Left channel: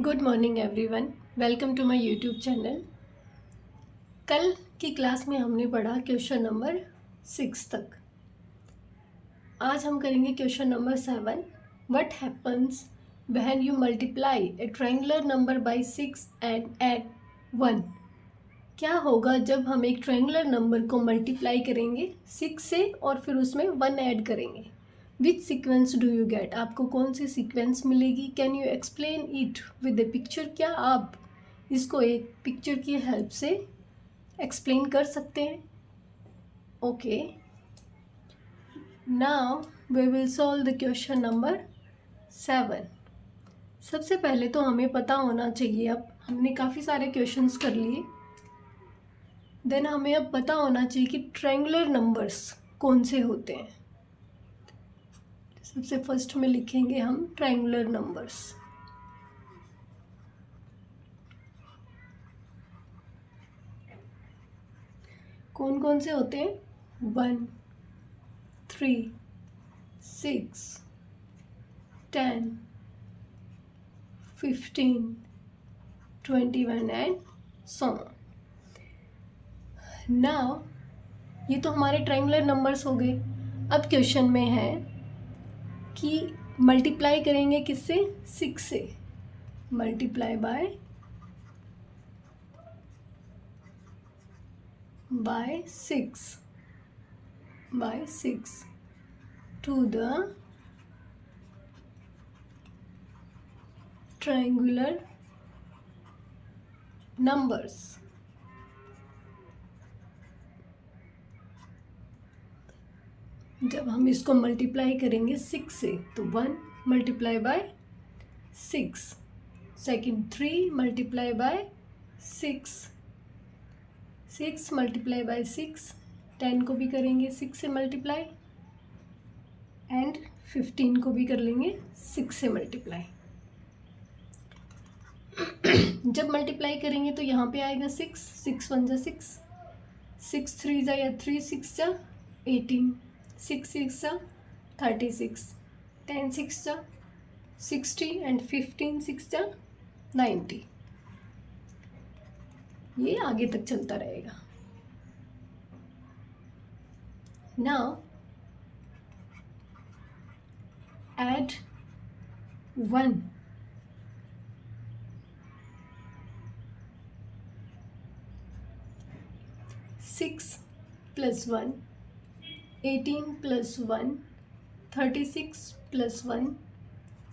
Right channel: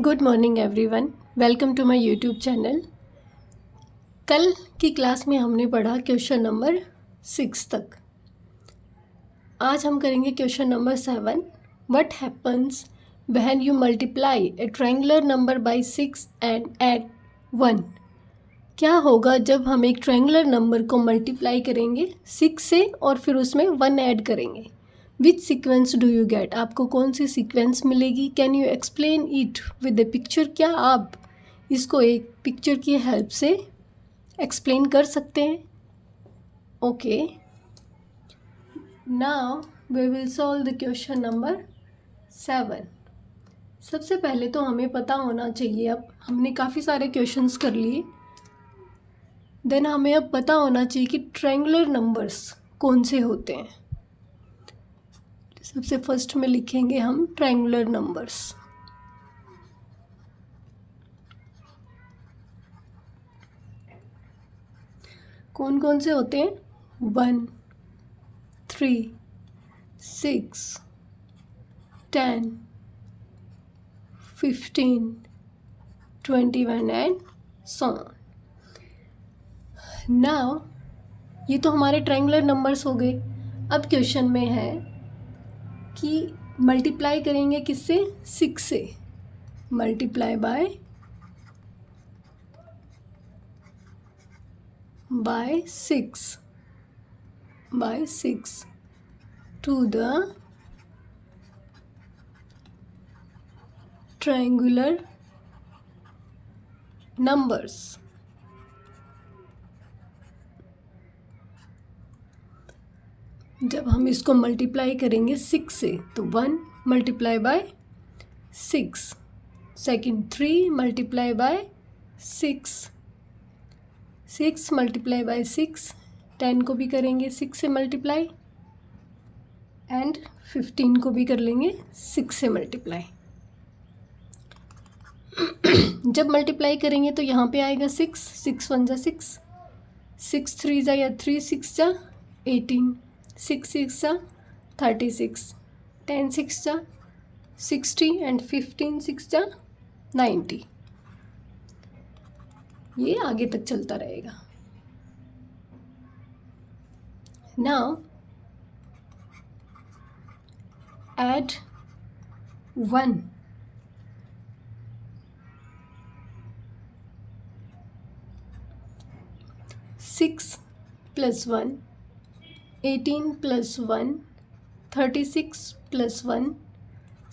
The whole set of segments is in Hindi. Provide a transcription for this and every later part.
Good morning everyone, welcome to my YouTube channel. कल की क्लास में हमने पढ़ा क्वेश्चन नंबर 6 तक। आज हम करेंगे question number 7। What happens when you multiply A triangular number by 6 and add 1। क्या होगा जब हम एक ट्रायंगुलर नंबर को मल्टीप्लाई करेंगे 6 से और फिर उसमें 1 ऐड करेंगे। विच सीक्वेंस डू यू गेट? आपको कौन सी सीक्वेंस मिलेगी? Can you explain it with A picture? क्या आप इसको एक पिक्चर की हेल्प से एक्सप्लेन कर सकते हैं? Okay, now we will solve the question number 7। सबसे पहले तो हमें पता होना चाहिए, अब हमने काफ़ी सारे क्वेश्चंस कर लिए, देन हमें अब पता होना चाहिए कि ट्रायंगुलर नंबर्स कौन से होते हैं। सबसे फर्स्ट में लिखेंगे हम ट्रायंगुलर नंबर्स। कौन कौन से होते हैं? 1, 3, 6, 10, 15, 21 एंड so on। नाउ ये तो हमारे ट्रायंगुलर नंबर्स हो गए। अब क्वेश्चन में है कि मल्टीप्लाई करेंगे किससे? 6 से। Multiply by 6 to the triangular numbers. जब हम इसको मल्टीप्लाई करेंगे 6 से तो 1 multiply by 6, second 3 multiply by 6, 6 multiply by 6, 10 को भी करेंगे 6 से मल्टीप्लाई एंड 15 को भी कर लेंगे 6 से मल्टीप्लाई। जब मल्टीप्लाई करेंगे तो यहाँ पे आएगा 6, 6 1 जा 6, 6 3 जा या 3 6 जा 18, 6 6 जा 36, 10 6 जा 60 एंड 15 6 जा 90। ये आगे तक चलता रहेगा। Now add 1। 6 plus 1, 18 plus 1, 36 plus 1,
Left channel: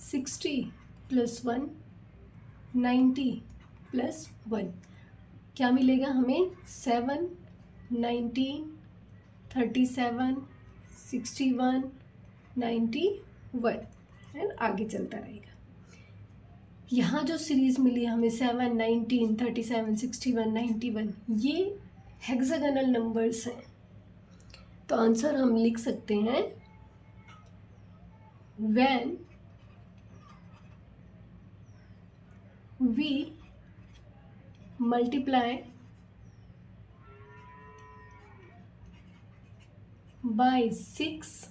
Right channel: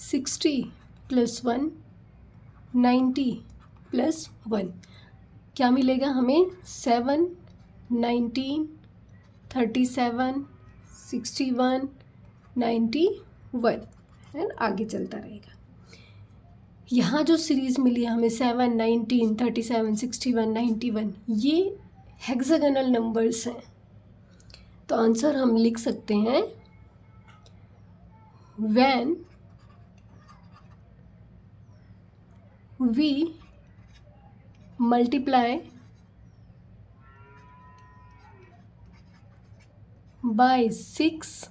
60 plus 1, 90 plus 1। क्या मिलेगा हमें? 7, 19, 37, 61, 91 एंड आगे चलता रहेगा। यहाँ जो सीरीज़ मिली है हमें 7, 19, 37, 61, 91, ये हेक्सागोनल नंबर्स हैं। तो आंसर हम लिख सकते हैं when we multiply by 6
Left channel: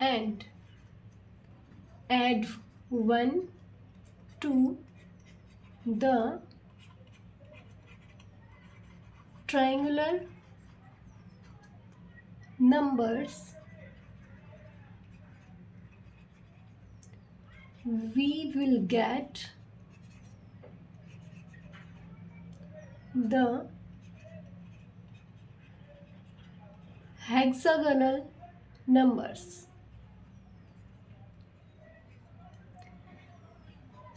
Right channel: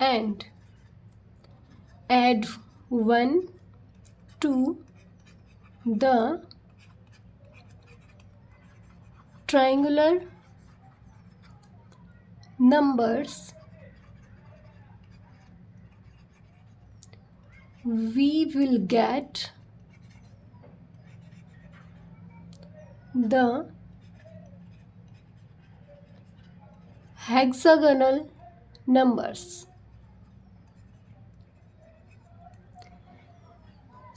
and add 1 to the triangular numbers, we will get the hexagonal numbers।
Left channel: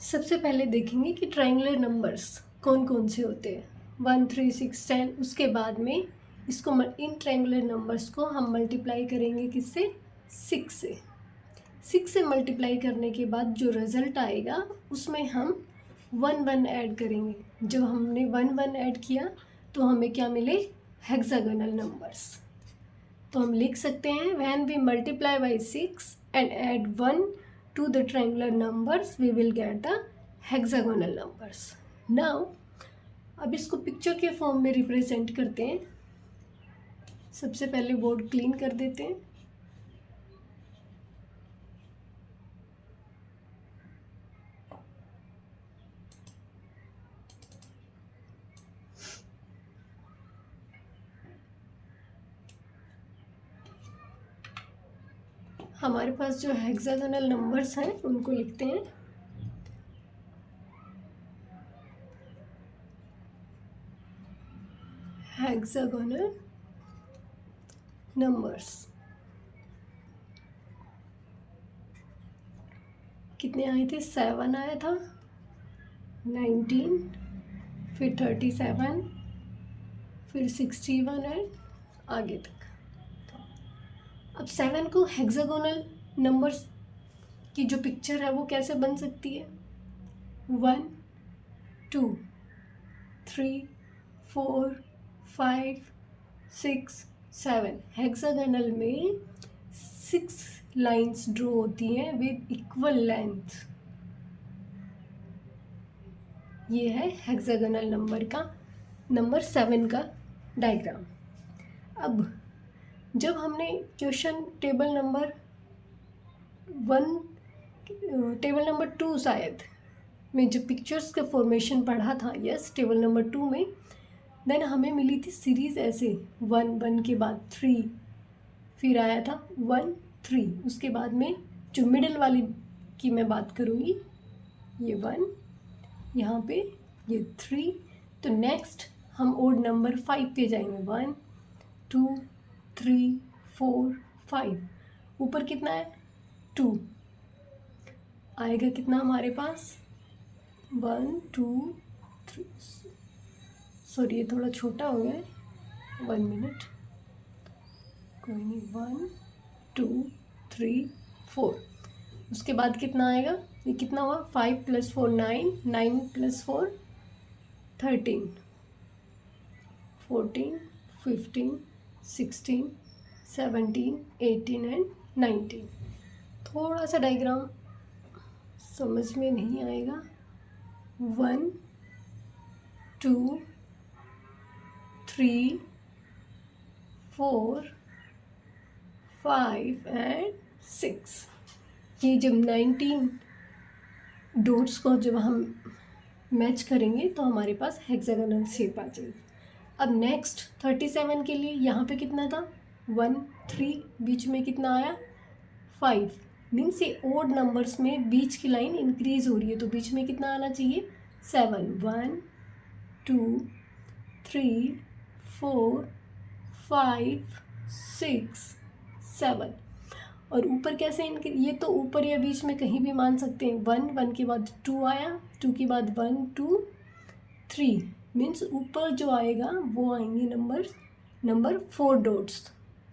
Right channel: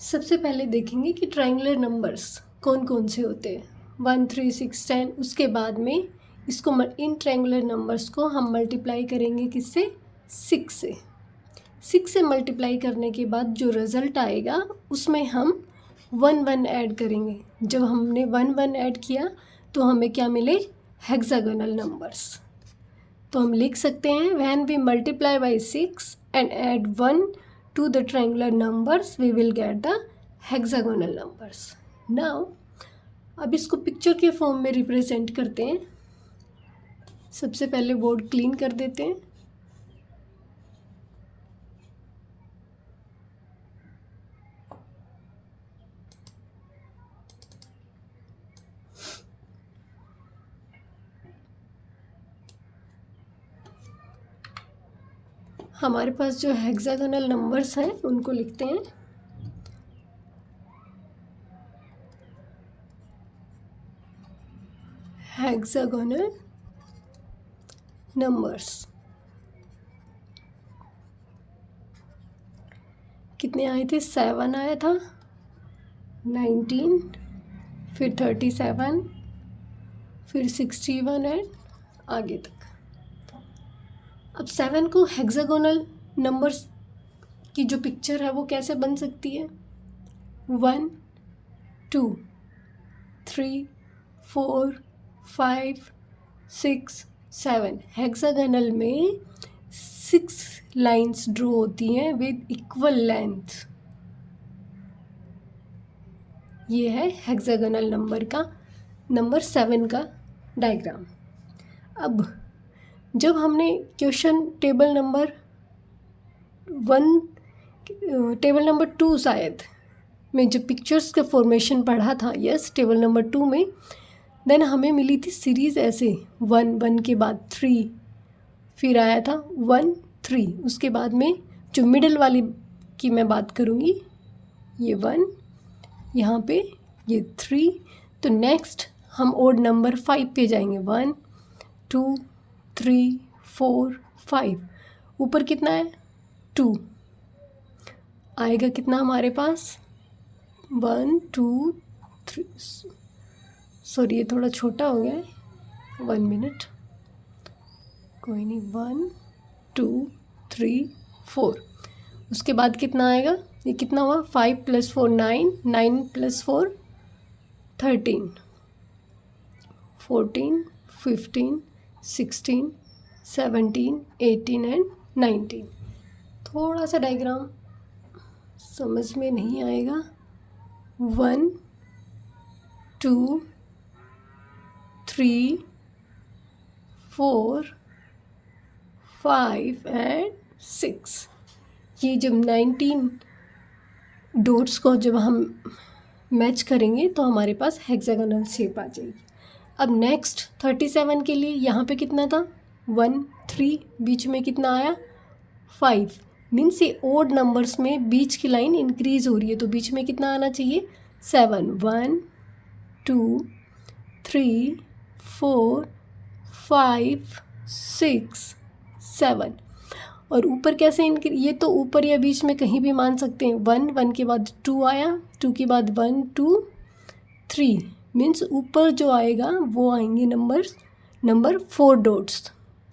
सबसे पहले देखेंगे कि ट्रायंगुलर नंबर्स कौन कौन से होते हैं। 1 3 6 10। उसके बाद में इसको इन ट्रायंगुलर नंबर्स को हम मल्टीप्लाई करेंगे किससे? 6 से। 6 से मल्टीप्लाई करने के बाद जो रिज़ल्ट आएगा उसमें हम 1 1 ऐड करेंगे। जब हमने 1 1 ऐड किया तो हमें क्या मिले? Hexagonal numbers. तो हम लिख सकते हैं when we multiply by 6 and add 1 to the triangular numbers we will get the hexagonal numbers। now अब इसको पिक्चर के फॉर्म में रिप्रेजेंट करते हैं। सबसे पहले बोर्ड क्लीन कर देते हैं। हमारे पास जो हेक्सागोनल नंबर्स हैं उनको लिखते हैं। हेक्सागोनल नंबर्स कितने आए थे? 7 आया था, 19, फिर 37, फिर 61 एंड आगे तक। अब 7 को हेक्सागोनल नंबर्स की जो पिक्चर है वो कैसे बन सकती है? 1, 2, 3, 4, 5, 6, 7। हेक्सागोनल में 6 लाइंस ड्रॉ होती हैं विद इक्वल लेंथ। ये है हेक्सागोनल नंबर 7 का डायग्राम। अब जब हमने क्वेश्चन टेबल नंबर 2 शायद में जब पिक्चर्स के फॉर्मेशन पढ़ा था, यस, टेबल नंबर 2 में, देन हमें मिली थी सीरीज़ ऐसे 1 के बाद 3, फिर आया था 1 3, उसके बाद में जो मिडल वाली की मैं बात करूँगी, ये 1, यहाँ पे ये 3, तो नेक्स्ट हम ओड नंबर 5 पे जाएंगे। 1 2 3 4 5, ऊपर कितना है? 2 आएगा कितना हमारे पास? 1 2 3, सॉरी ये थोड़ा छोटा हो गया है, 1 मिनट, कोई नहीं। 1 2 3 4, उसके बाद कितना आएगा? ये कितना हुआ? 5 + 4 9, 9 + 4 13, 14 15 16 17 18 एंड 19। थोड़ा सा डायग्राम समझ में नहीं आएगा। 1 2 3 4 5 एंड 6। ये जब 19 डॉट्स को जब हम मैच करेंगे तो हमारे पास हेक्सागोनल शेप आ जाएगी। अब नेक्स्ट 37 के लिए यहाँ पे कितना था? 1 3, बीच में कितना आया? 5, मीन्स ये ओड नंबर्स में बीच की लाइन इंक्रीज हो रही है, तो बीच में कितना आना चाहिए? 7। 1 2 3 4 5 6 7। और ऊपर कैसे ये तो ऊपर या बीच में कहीं भी मान सकते हैं। 1 के बाद 2 आया, 2 के बाद 1 2 3, मीन्स ऊपर जो आएगा वो आएंगे नंबर 4 डॉट्स।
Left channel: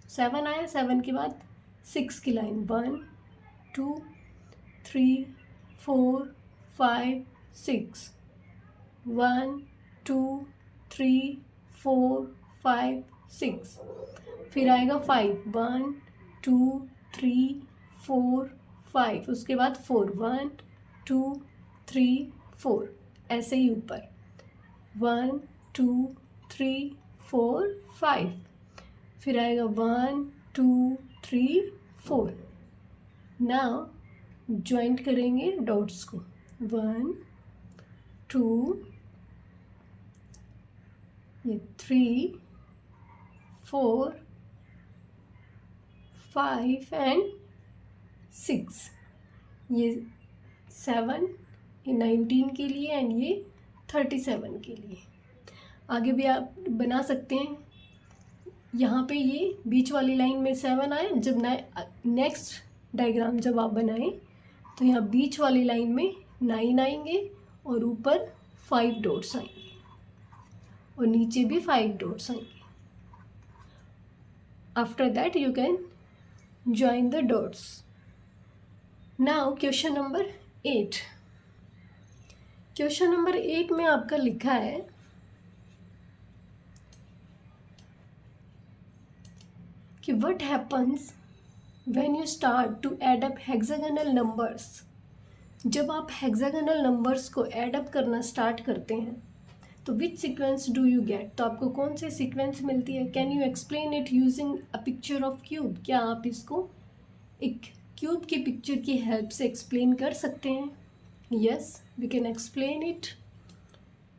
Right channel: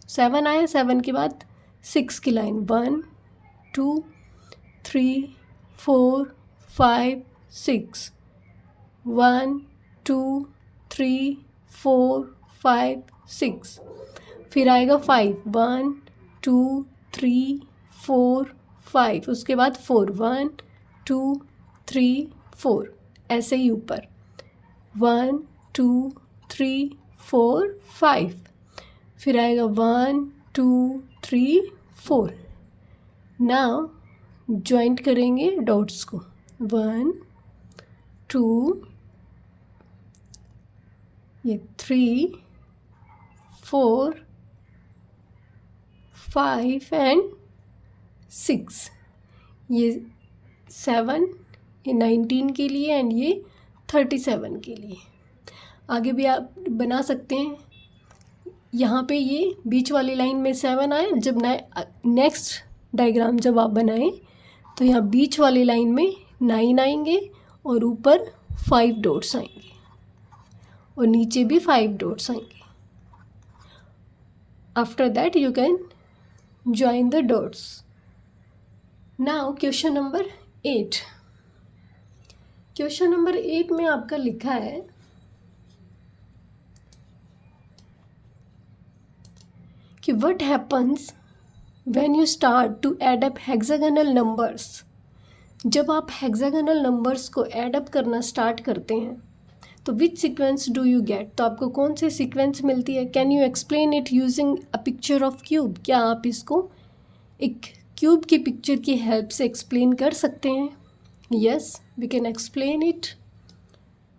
7 आया, 7 के बाद 6 की लाइन, 1 2 3 4 5 6, 1 2 3 4 5 6, फिर आएगा 5, 1 2 3 4 5, उसके बाद 4, 1 2 3 4, ऐसे ही ऊपर 1 2 3 4 5, फिर आएगा 1 2 3 4। नाउ ज्वाइंट करेंगे डॉट्स को, 1 2, ये 3 4 5 एंड 6, ये 7, ये 19 के लिए एंड ये 37 के लिए। आगे भी आप बना सकते हैं। यहाँ पे ये बीच वाली लाइन में 7 आए, जब नेक्स्ट डायग्राम जब आप बनाएं तो यहाँ बीच वाली लाइन में 9 आएंगे और ऊपर 5 डॉट्स आएंगे और नीचे भी 5 डॉट्स आएंगे। After that you can join the dots. Now question number 8. Question number 8 में आपका लिखा है कि what happens when you start to add up hexagonal numbers. जब आप हेक्सागोनल नंबर्स को ऐड अप करना स्टार्ट करते हैं तो विच सीक्वेंस डू यू गेट, तो आपको कौन सी सीक्वेंस मिलती है? Can you explain it using a picture of cube, क्या आप इसको एक क्यूब की पिक्चर की हेल्प से एक्सप्लेन कर सकते हैं? Yes, we can explain it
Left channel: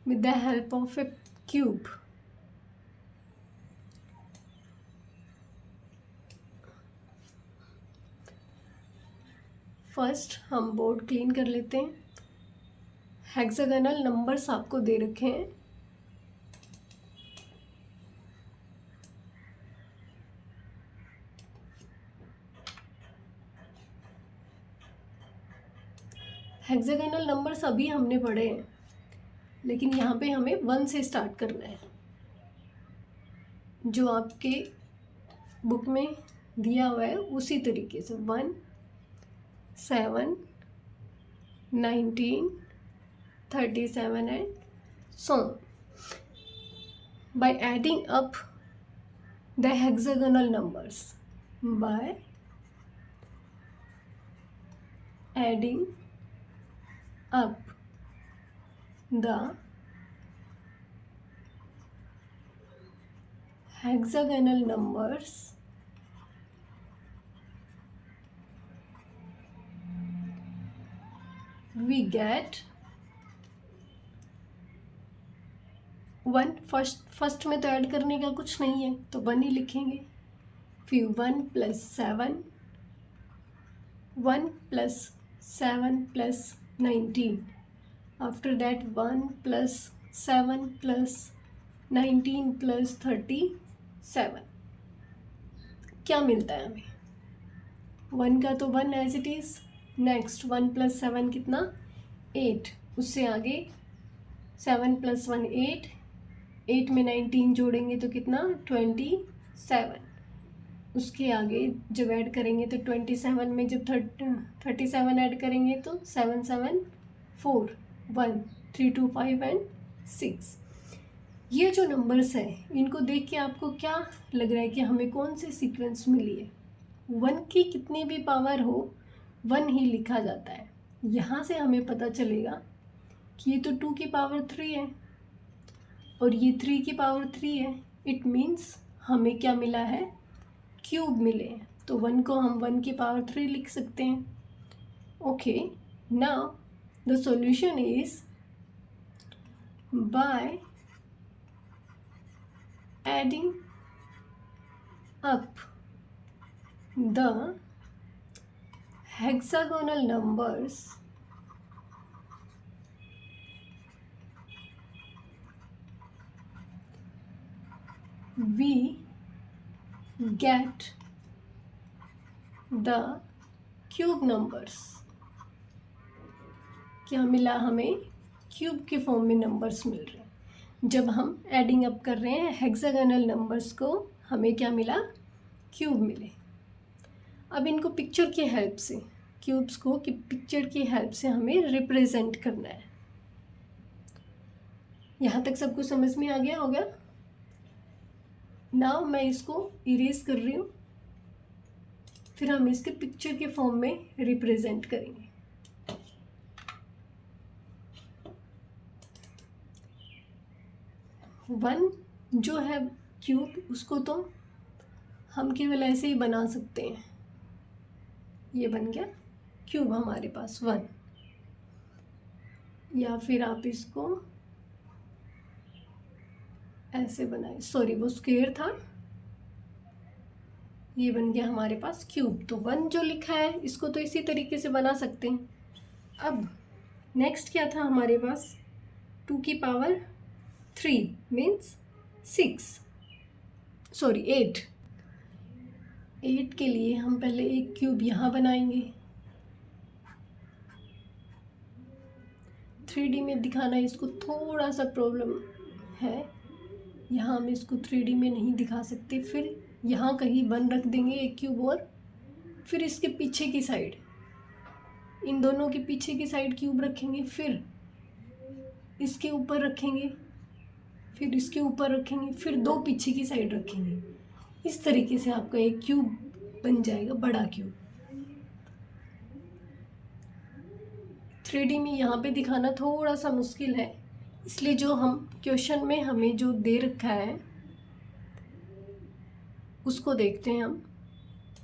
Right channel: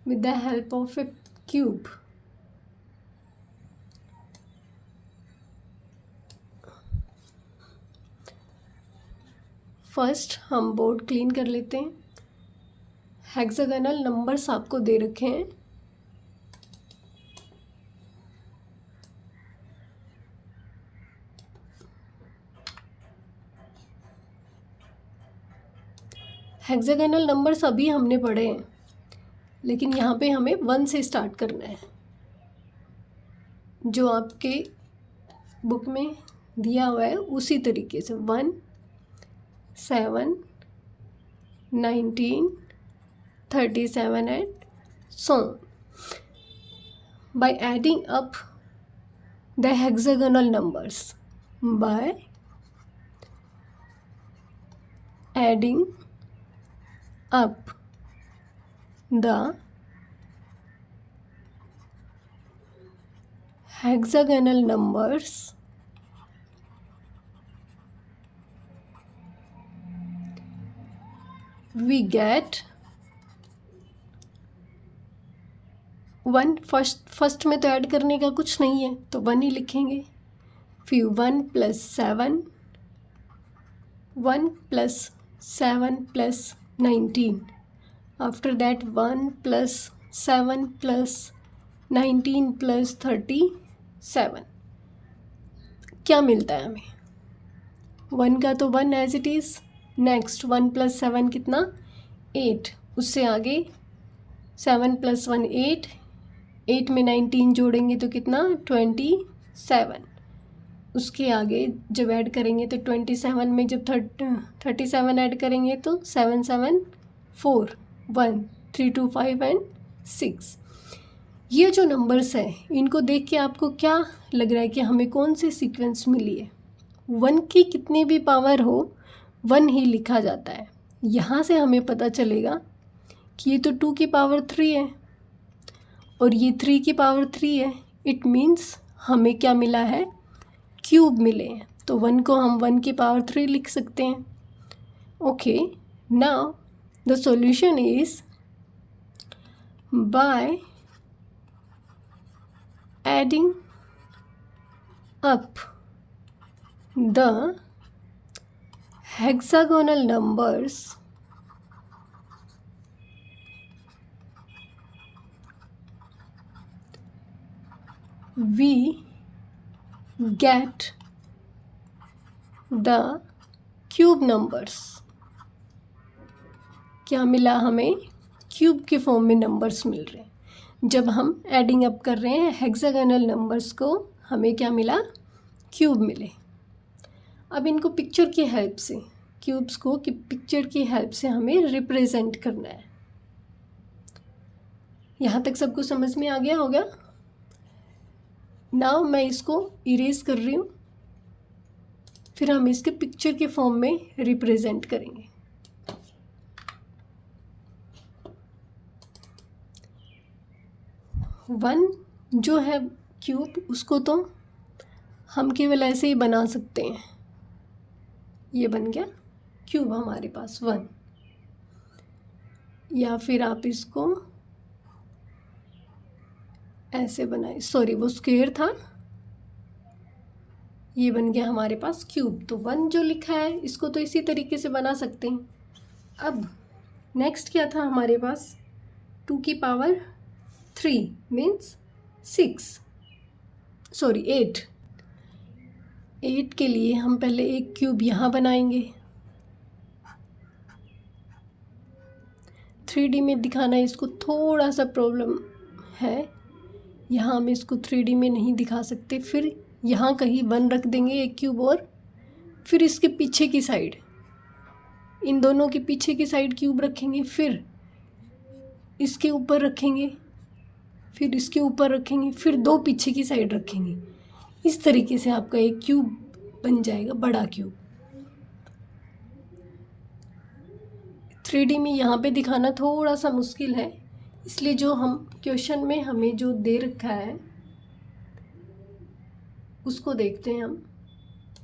with the help of a cube. First हम बोर्ड क्लीन कर लेते हैं। हेक्सागोनल नंबर्स आपको दे रखे हैं। हेक्सागोनल नंबर्स अभी हमने पढ़े हैं, लेकिन यहाँ पे हमें 1 से स्टार्ट करना है। जो आपके बुक में दिया हुआ है उसी तरीके से 1, 7, 19, 37 and so on. By adding up the hexagonal numbers, by adding up the hexagonal numbers, we get 1। First में तो ऐड करने का कुछ नहीं है तो 1 ही लिखेंगे। फिर 1 + 7, 1 + 7 + 19, आफ्टर दैट 1 + 7 + 19 + 37। क्या मिलता है हमें? 1 का तो 1 एज इट इज़। नेक्स्ट 1 + 7 कितना? 8। उससे आगे 7 + 1 8, 8 में 19 जोड़ेंगे तो कितना? 27। उसके आगे जब ऐड करेंगे तो 27 में जब 37 ऐड करेंगे तो 7 7 4 1 3 2 5 and 6। ये जो नंबर्स हैं इनको देख के आपको क्या लग रहा है कि हमें कौन सी सीक्वेंस मिली है? 1 की कितनी भी पावर हो 1 ही लिखा जाता है। यहाँ से हमें पता चलेगा कि ये तो 2 की पावर 3 है और ये 3 की पावर 3 है। इट मीन्स हमें क्या मिला है? क्यूब मिले हैं। तो 1 को हम 1 की पावर 3 लिख सकते हैं। Okay, now the solution is by adding up the hexagonal numbers, we get the cube numbers। क्या मिला हमें? क्यूब के फॉर्म में नंबर्स मिल रहे हैं। जब हम एडिंग अप कर रहे हैं हेक्सागोनल नंबर्स को, हमें क्या मिला? क्यूब मिले। अब इनको पिक्चर की हेल्प से, क्यूब्स को कि पिक्चर की हेल्प से हमें रिप्रेजेंट करना है। यहाँ तक सबको समझ में आ गया होगा? नाउ मैं इसको इरेज कर रही हूँ, फिर हम इसके पिक्चर के फॉर्म में रिप्रेजेंट करेंगे। वन जो है क्यूब, उसको तो हम केवल ऐसे ही बना सकते हैं। ये बन गया क्यूब हमारे पास 1। या फिर आप इसको ऐसे बनाए, सॉरी वो स्क्वायर था, ये बन गया हमारे पास क्यूब। तो 1 जो लिखा है इसको तो इसी तरीके से बना सकते हैं। अब नेक्स्ट क्या था हमारे पास? 2 की पावर 3 मीन्स 6, सॉरी 8। 8 के लिए हम पहले एक क्यूब यहाँ बनाएंगे। 3D में दिखाना इसको थोड़ा सा प्रॉब्लम है, यहाँ हम इसको 3D में नहीं दिखा सकते। फिर यहाँ कहीं 1 रख देंगे एक क्यूब और फिर इसके पीछे की साइड, इन दोनों के पीछे की साइड क्यूब रखेंगे, फिर इसके ऊपर रखेंगे, फिर इसके ऊपर रखेंगे, फिर 2 पीछे की साइड रखेंगे। इस तरीके से आपका एक क्यूब बन जाएगा, बड़ा क्यूब। 3D में यहाँ पे दिखाना थोड़ा सा मुश्किल है, इसलिए जो हम क्वेश्चन में हमें जो दे रखा है उसको देखते हैं हम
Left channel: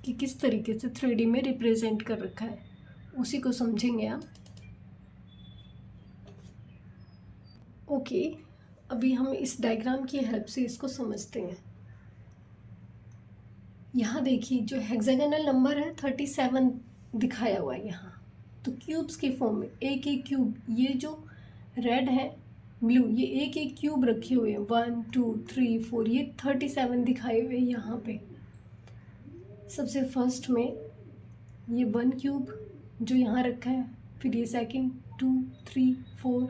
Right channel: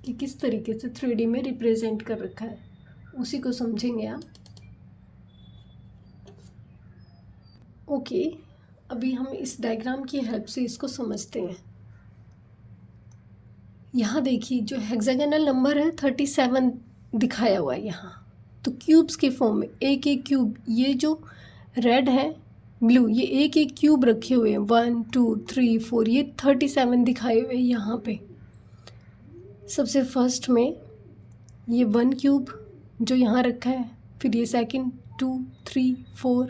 कि किस तरीके से 3D में रिप्रेजेंट कर रखा है, उसी को समझेंगे आप। ओके, अभी हम इस डायग्राम की हेल्प से इसको समझते हैं। यहाँ देखिए जो हेक्सागोनल नंबर है 37 दिखाया हुआ है यहाँ। तो क्यूब्स के फॉर्म में एक एक क्यूब, ये जो रेड है ब्लू, ये एक एक क्यूब रखे हुए हैं 1 2 3 4, ये 37 दिखाए हुए हैं यहाँ पे। सबसे फर्स्ट में ये 1 क्यूब जो यहाँ रखा है, फिर ये सेकंड 2 3 4,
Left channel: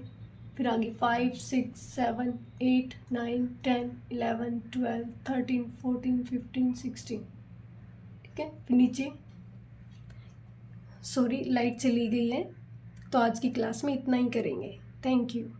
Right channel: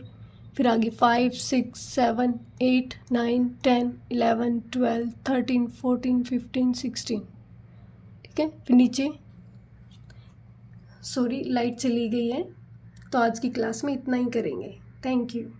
फिर आगे 5 6 7 8 9 10 11 12 13 14 15 16, ठीक है। फिर नीचे सॉरी लाइट चली गई है, तो आज की क्लास में इतना ही करेंगे। Thank you.